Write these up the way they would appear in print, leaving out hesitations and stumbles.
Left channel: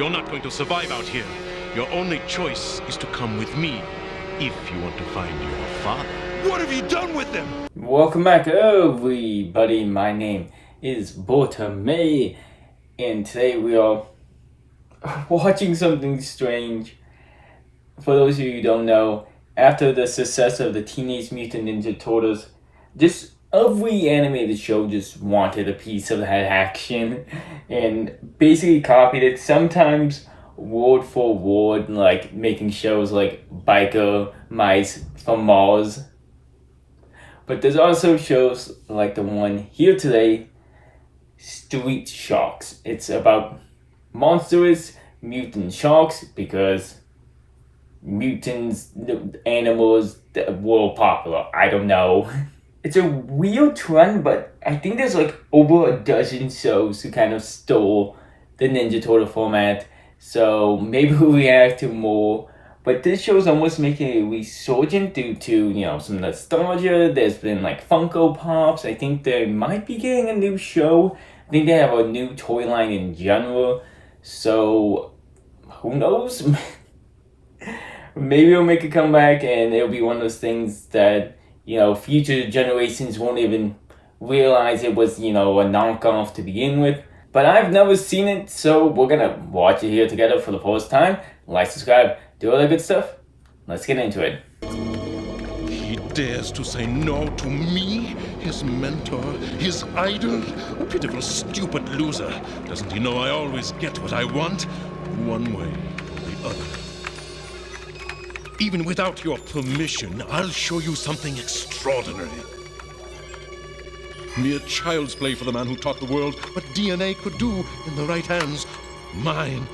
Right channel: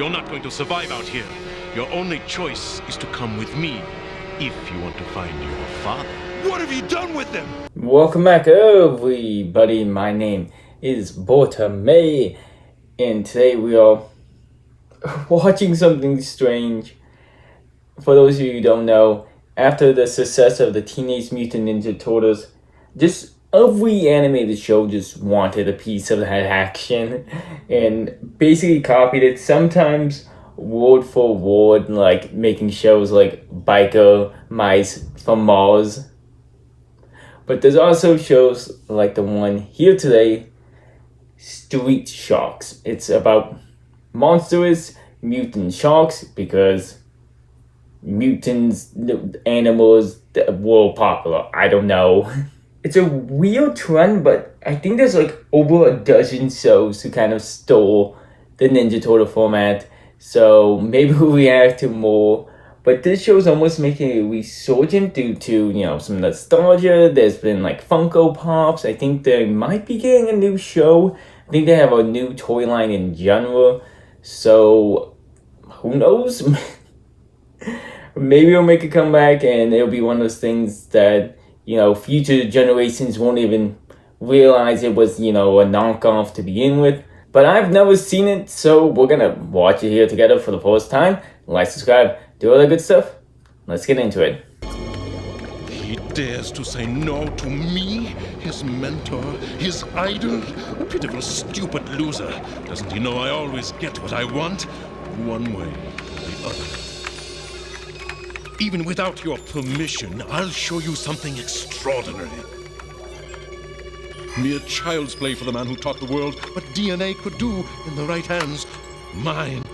You're not going to survive out here. Your only choice is to come with me if you want to find your father. What have you done with them? Welcome back, everybody. My name is BirdimeYT, and today we are watching something strange. For those of you who don't know, after the success of the Teenage Mutant Ninja Turtles, just every animated show just wanted a piece of that action and basically copied it, sometimes word for word, like making shows like Biker Mice from Mars. But there's also shows like the one here today, Street Sharks. It's about monstrous mutant sharks because mutants, animals were popular. I don't know. It's a weird trend, but I think there's like over a dozen shows who kind of stole the Ninja Turtle format. So maybe we'll react to more. But this show's almost making a resurgence due to, some nostalgia. There's been like Funko Pops. I think they might be getting a new show. I think they have a new toy line in general. So who knows? Maybe it'll make a comeback and it'll be one of those things that, future generations won't even realize it was, a knockoff to begin with. But I've never seen it, so we're gonna watch it here together for the first time. Like, subscribe, do all the good stuff. Let's get into it. He dares to say no to me, his mentor, his idol? A pitiful, stupid loser. Doesn't he know I always get what I want? One way or the other. Even without your permission, I'll show you something extraordinary. Mere child's play for the man who taught the world what DNA could do in the right hands. Mine.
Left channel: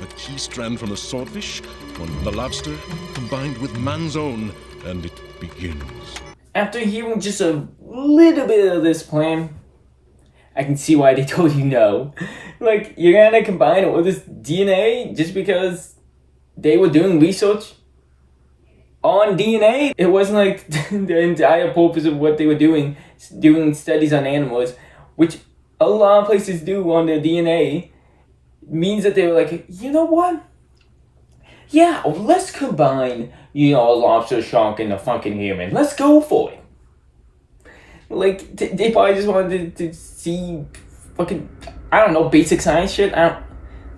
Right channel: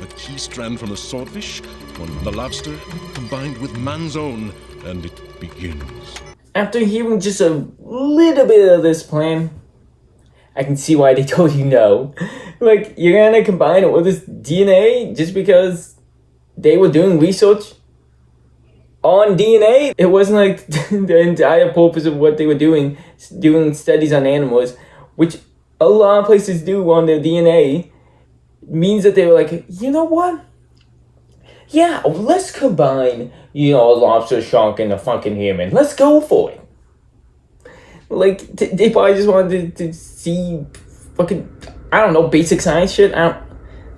A key strand from the swordfish, one from the lobster, combined with man's own, and it begins. After hearing just a little bit of this plan, I can see why they told you no. Like, you're gonna combine all this DNA just because they were doing research on DNA? It wasn't like the entire purpose of what they were doing studies on animals, which a lot of places do on their DNA, means that they were like, you know what? Yeah, let's combine, a lobster, shark, and a fucking human. Let's go for it. Like, they probably just wanted to see fucking, I don't know, basic science shit.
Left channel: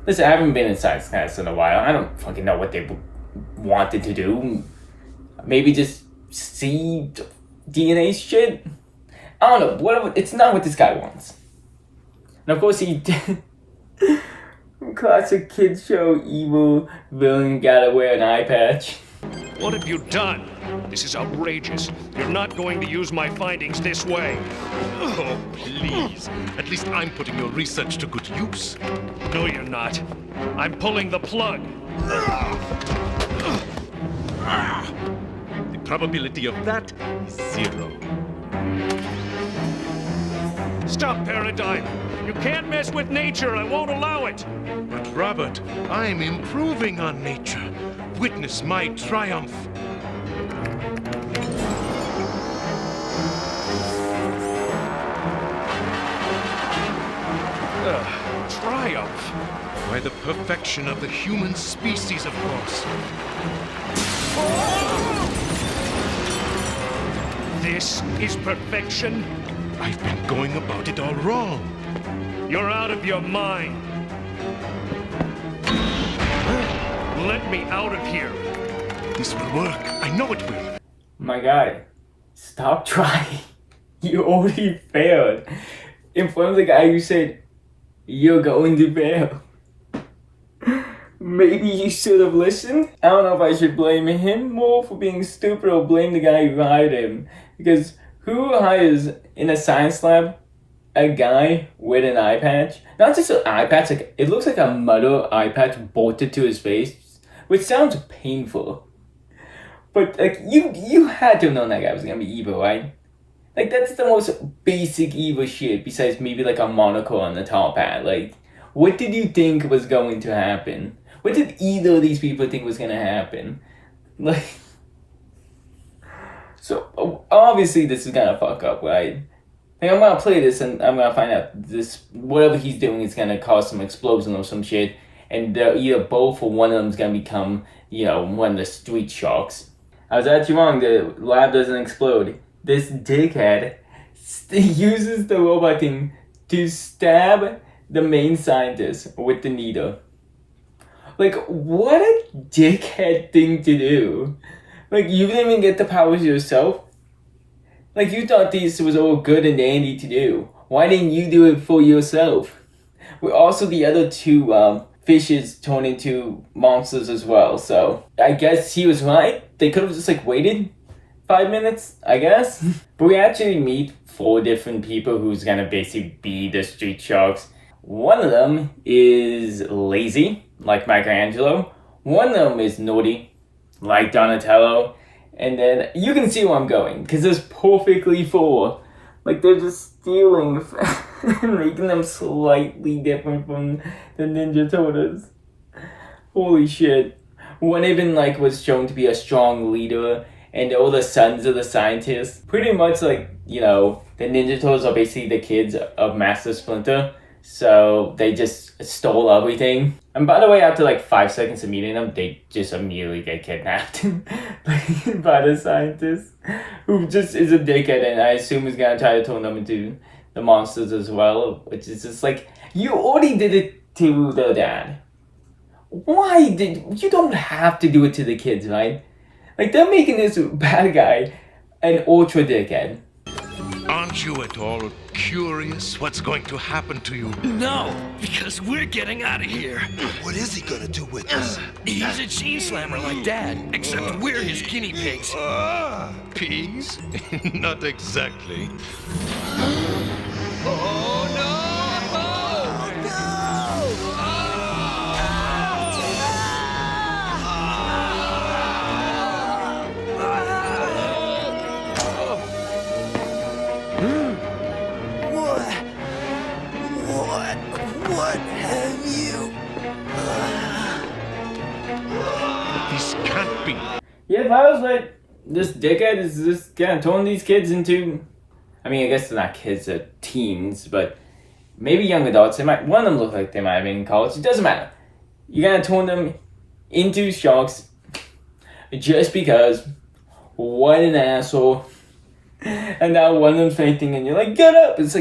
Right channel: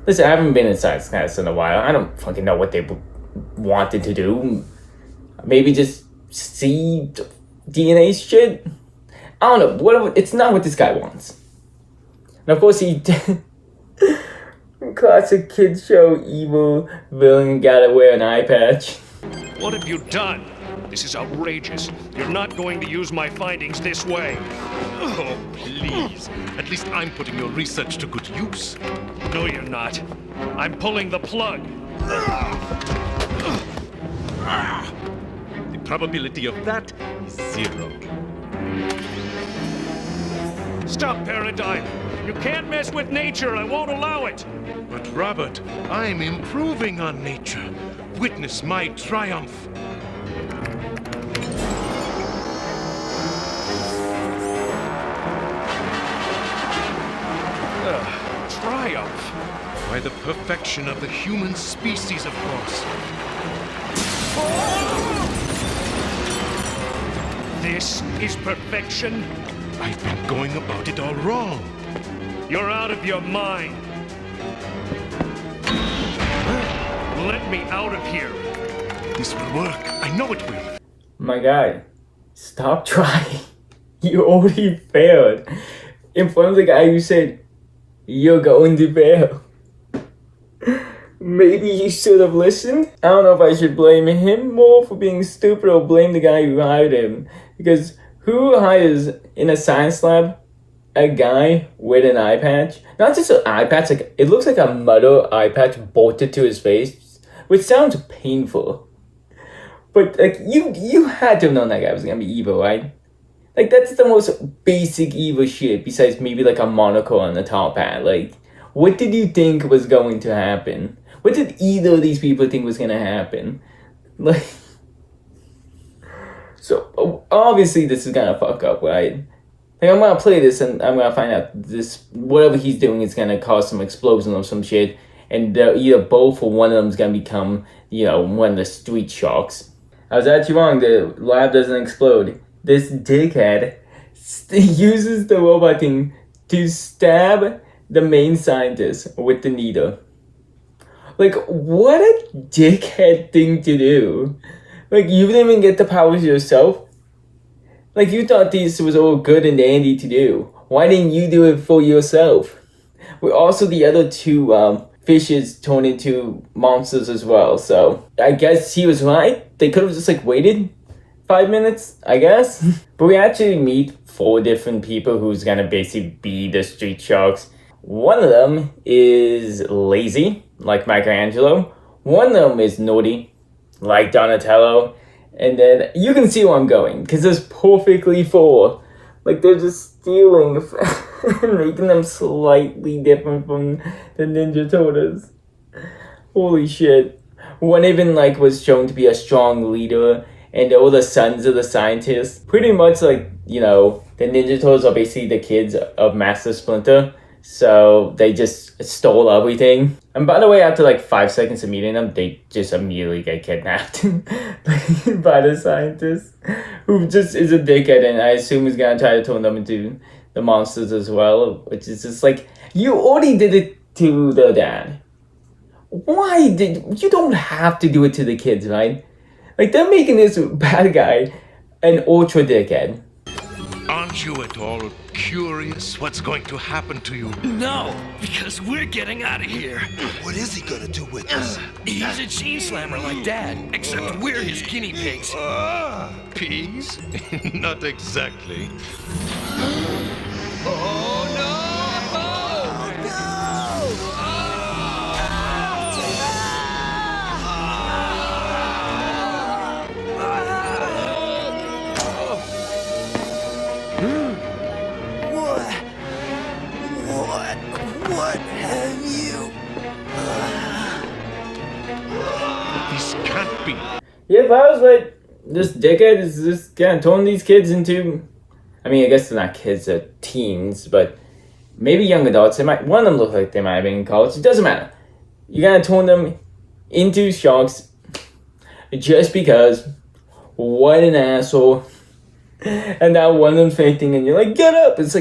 Listen, I haven't been in science class in a while. I don't fucking know what they wanted to do. Maybe just see DNA shit? I don't know. Whatever. It's not what this guy wants. And of course he classic kids show evil villain gotta wear an eye patch. What have you done? This is outrageous. You're not going to use my findings this way. Oh, please. At least I'm putting your research to good use. No, you're not. I'm pulling the plug. The probability of that is 0. Stop, Birdime. You can't mess with nature. I won't allow it. But Robert, I'm improving on nature. Witness my triumph. Triumph? By the perfection of the human species, of course. This is perfection? I've been going about it all wrong. You're out of your mind. Let me out of here. This will work. I know it will. My guy, stop trying. You already failed. In front of the guy who said, you're going to fail. Maybe you should have listened. I don't know if I should blame him more for being stupid or blame the guy who hired him. Because who hires in a science lab a guy with an eye patch? Not just an eye patch, like it looks like a metal eye patch bolted to his face, which sounds painful. But like you had to have known that guy was gonna be evil, right? Like that's the most basic evil shit besides maybe like a monocle on the top hat. Like, what did you think was going to happen? What did either of these people think was gonna happen? Like, so obviously this is gonna fuck up, right? Like, I'm gonna play this and I'm gonna find out this, whatever he's doing is gonna cause some explosion or some shit. and they're either both or one of them's gonna become, one of the street sharks. I was actually wrong. The lab doesn't explode. This dickhead uses the robot thing to stab the main scientist with the needle. Like, what a dickhead thing to do. Like, you didn't even get the powers yourself. Like, you thought this was all good and dandy to do. Why didn't you do it for yourself? Well, also the other two fishes turned into monsters as well. So I guess he was right. They could have just waited 5 minutes, I guess. But we actually meet 4 different people who's gonna basically be the street sharks. One of them is lazy, like Michelangelo. One of them is naughty, like Donatello. And then you can see where I'm going, because there's perfectly 4. Like, they're just stealing and making them slightly different from the Ninja Turtles. Holy shit. One even, was shown to be a strong leader, and all the sons of the scientists. Pretty much, the Ninja Turtles are basically the kids of Master Splinter. So they just stole everything. And by the way, after 5 seconds of meeting them, they just immediately get kidnapped by the scientist, who just is a dickhead, and I assume is gonna try to turn them into the monsters as well. Which is just you already did it to their dad. Why did you don't have to do it to the kids, right? They're making this bad guy an ultra dickhead. Aren't you at all curious what's going to happen to you? No, because we're getting out of here. What is he gonna do with us? He's a chain slammer like Dad, except we're his guinea pigs. Pigs? Not exactly. Oh no! What have you? This can't be. Yeah, if I was this dickhead is just gonna turn these kids into, I mean, I guess they're not kids, they're teens, but maybe young adults. One of them look like they might have been in college. It doesn't matter. You're gonna turn them into sharks just because. What an asshole. And now one of them's fainting and you're get up. It's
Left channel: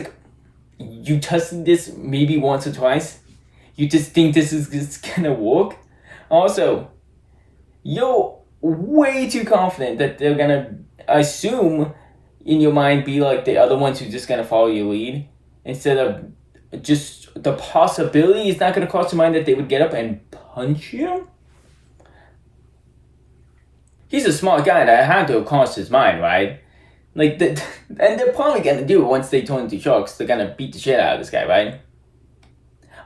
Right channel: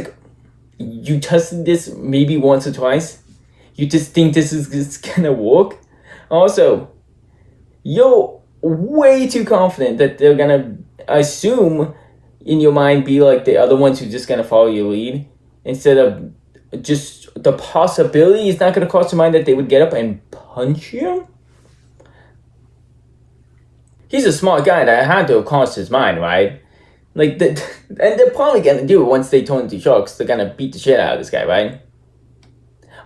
you tested this maybe once or twice. You just think this is just gonna work. Also, you're way too confident that they're gonna assume in your mind be the other ones who just gonna follow your lead, instead of just the possibility is not gonna cross your mind that they would get up and punch you. He's a smart guy that had to have crossed his mind, right? And they're probably gonna do it once they turn into sharks. They're gonna beat the shit out of this guy, right?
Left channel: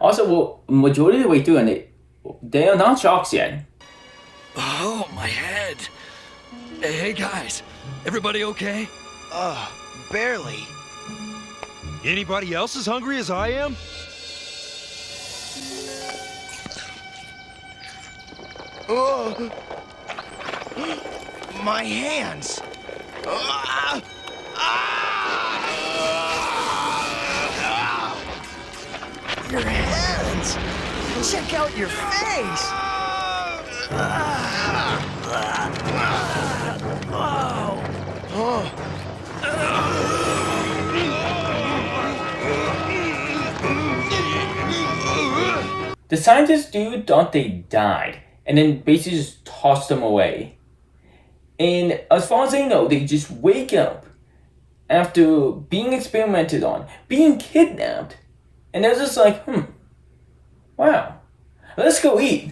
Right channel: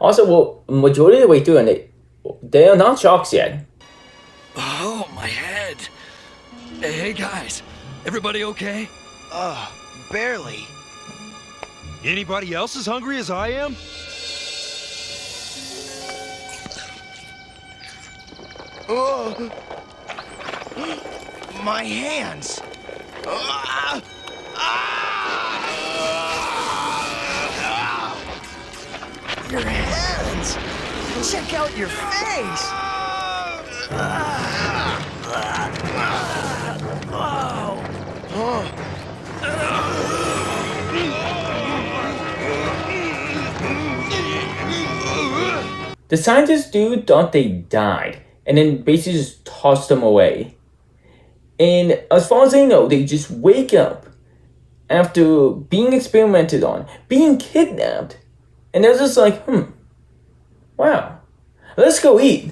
Also, majority of the way through, and they are not sharks yet. Oh, my head. Hey guys, everybody okay? Barely. Anybody else as hungry as I am? Oh, my hands. Your hands. Check out your face. The scientist dude thought they died, and then basically just tossed them away. And as far as they know, they just wake up after being experimented on, being kidnapped, and they're just wow, let's go eat.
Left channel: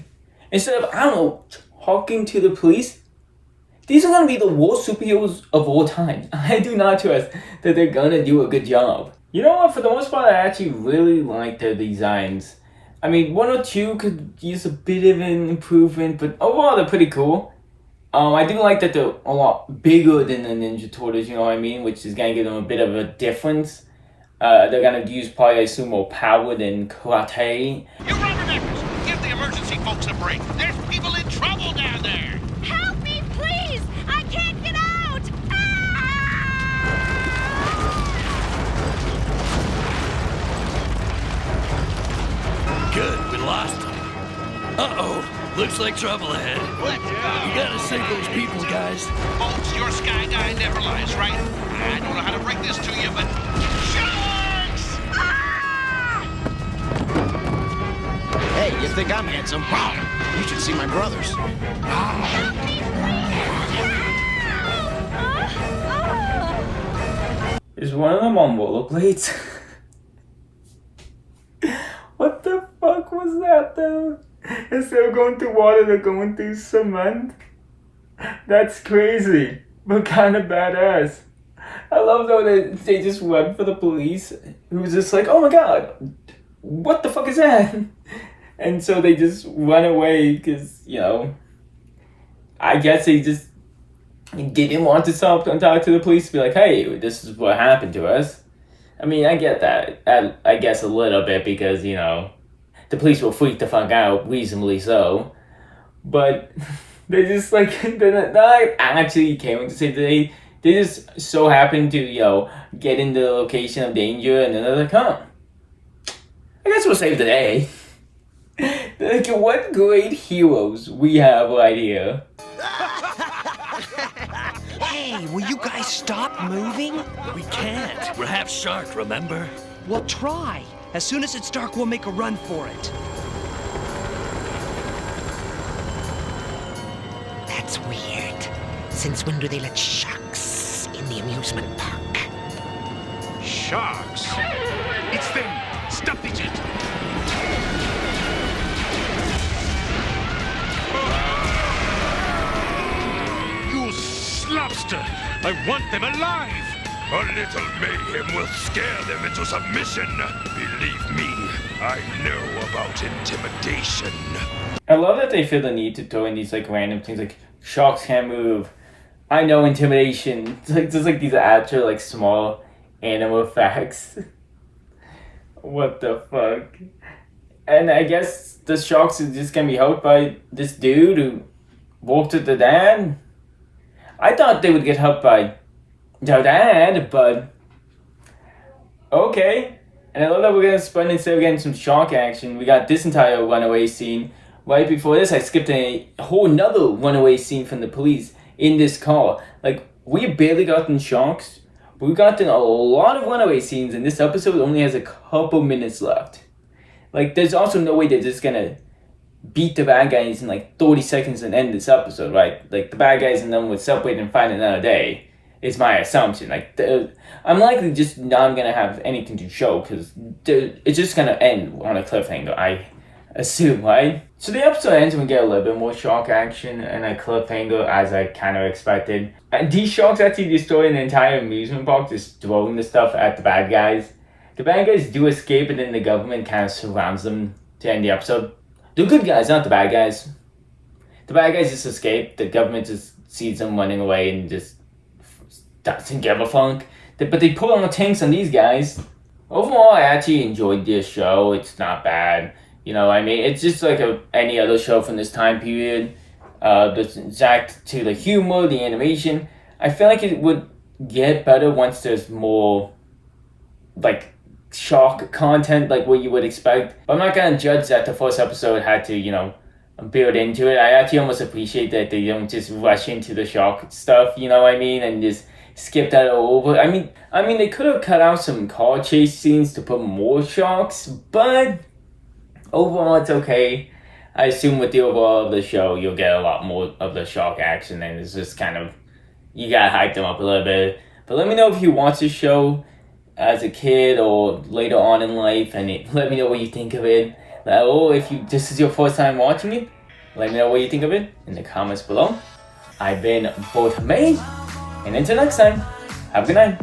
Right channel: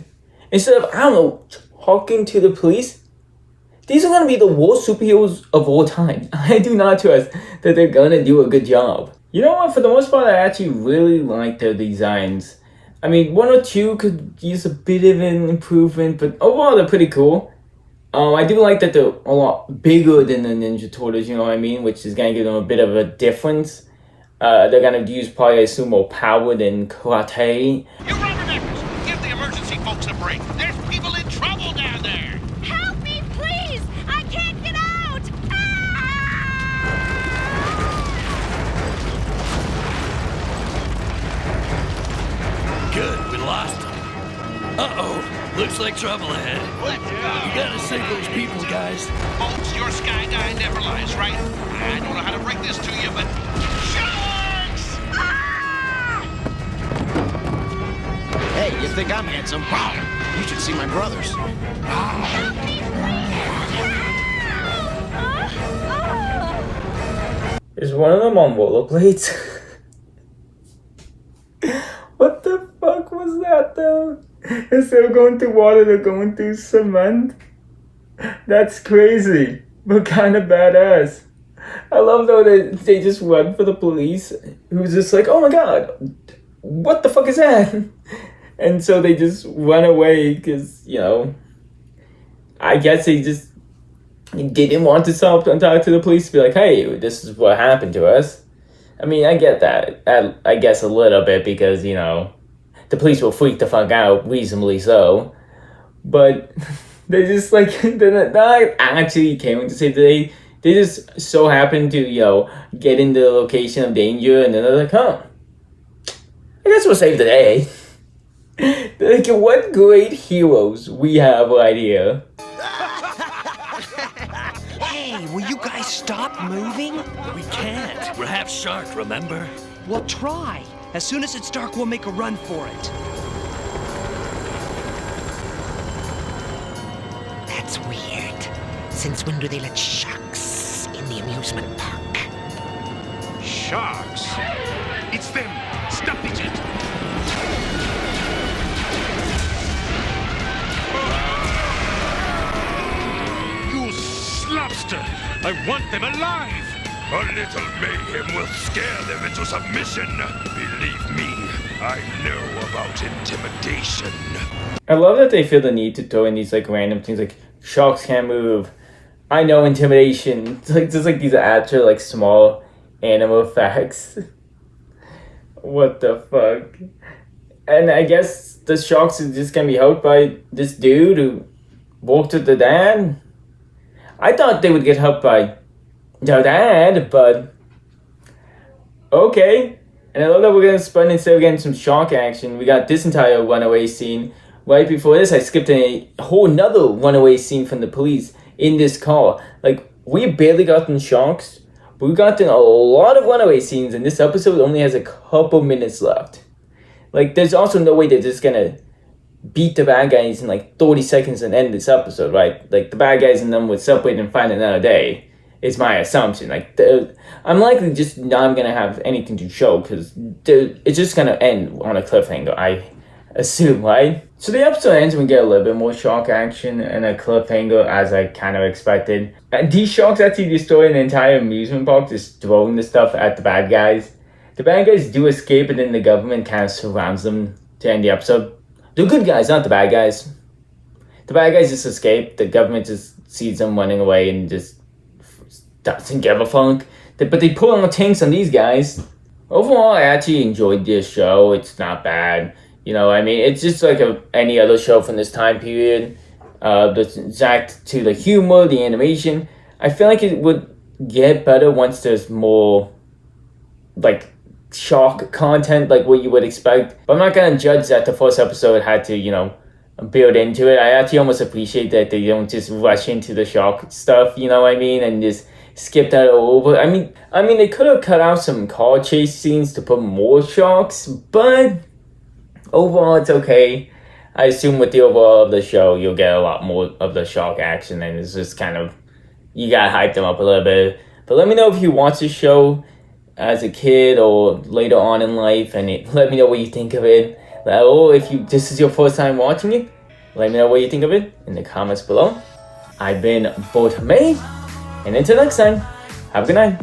Instead of, I don't know, talking to the police. These are gonna be the worst superheroes of all time. I do not trust that they're gonna do a good job. You know what, for the most part, I actually really like their designs. I mean, 1 or 2 could use a bit of an improvement, but overall they're pretty cool. I do like that they're a lot bigger than the Ninja Turtles, you know what I mean? Which is going to give them a bit of a difference. They're going to use probably, I assume, more power than karate. You rubberneckers, give the emergency folks a break. There's people in trouble down there. Help me, please! I can't get out! Good, we lost him. Uh-oh. Looks like trouble ahead. Let's go. You gotta save those people, guys. Folks, your sky guy never lies, right? I don't know how to break this to you, but... Sharks! Hey, you think I'm handsome? You should see my brothers. Is one of them on rollerblades? What the fuck was that though? Instead of going through water, they're going through cement? That's crazy, but kind of badass. I love though that they just run for the police, who's just like, oh my god, what the fuck is that? And so they just run away because, you know, I guess they just didn't want to stop and talk to the police to be like, hey, this is what happened to us. I mean, I get that. I guess a little bit because, you know, the police will freak the fuck out, reasonably so. But they just, like, they're not actually came to save the day. They just so happen to, you know, get in the location of danger and then they're like, huh, I guess we'll save the day. They're like, what great heroes we have right here. Hey, will you guys stop moving? We can't. We're half shark, remember? Well, try. As soon as it's dark, we'll make a run for it. That's weird. Since when do they let sharks in the amusement park? Sharks! It's them! Stop it! You slobster! I want them alive! A little mayhem will scare them into submission. Believe me, I know about intimidation. I love that they feel the need to throw in these like random things like sharks can't move. I know intimidation. It's like just like these actual like small animal facts. What the fuck? And I guess the sharks is just gonna be helped by this dude who walked with the dad. I thought they would get helped by the dad, but okay. And I love that we're gonna spend, instead of getting some shark action, we got this entire runaway scene. Right before this, I skipped a whole nother runaway scene from the police in this car. Like, we barely gotten sharks, but we gotten a lot of runaway scenes, and this episode only has a couple minutes left. Like, there's also no way they're just gonna beat the bad guys in like 30 seconds and end this episode, right? Like, the bad guys and them would separate and find another day. Is my assumption. Like, I'm likely just not gonna have anything to show because it's just gonna end on a cliffhanger, I assume, right? So the episode ends and we get a little bit more shark action and a cliffhanger as I kind of expected. And these sharks actually destroy an entire amusement park, just throwing the stuff at the bad guys. The bad guys do escape and then the government kind of surrounds them to end the episode. The good guys, not the bad guys. The bad guys just escape. The government just sees them running away and just doesn't give a fuck. But they pull on tanks on these guys. Overall, I actually enjoyed this show. It's not bad. You know, I mean, it's just like any other show from this time period. The exact to the humor, the animation. I feel like it would get better once there's more, like, shark content, like what you would expect. But I'm not gonna judge that the first episode had to, you know, build into it. I actually almost appreciate that they don't just rush into the shark stuff, you know what I mean, and just skip that over. I mean, they could have cut out some car chase scenes to put more sharks, but overall, it's okay. I assume with the overall of the show, you'll get a lot more of the shark action, and it's just kind of, you gotta hype them up a little bit. But let me know if you watch this show as a kid or later on in life, and let me know what you think of it. Or if this is your first time watching it, let me know what you think of it in the comments below. I've been BirdimeYT, and until next time, have a good night.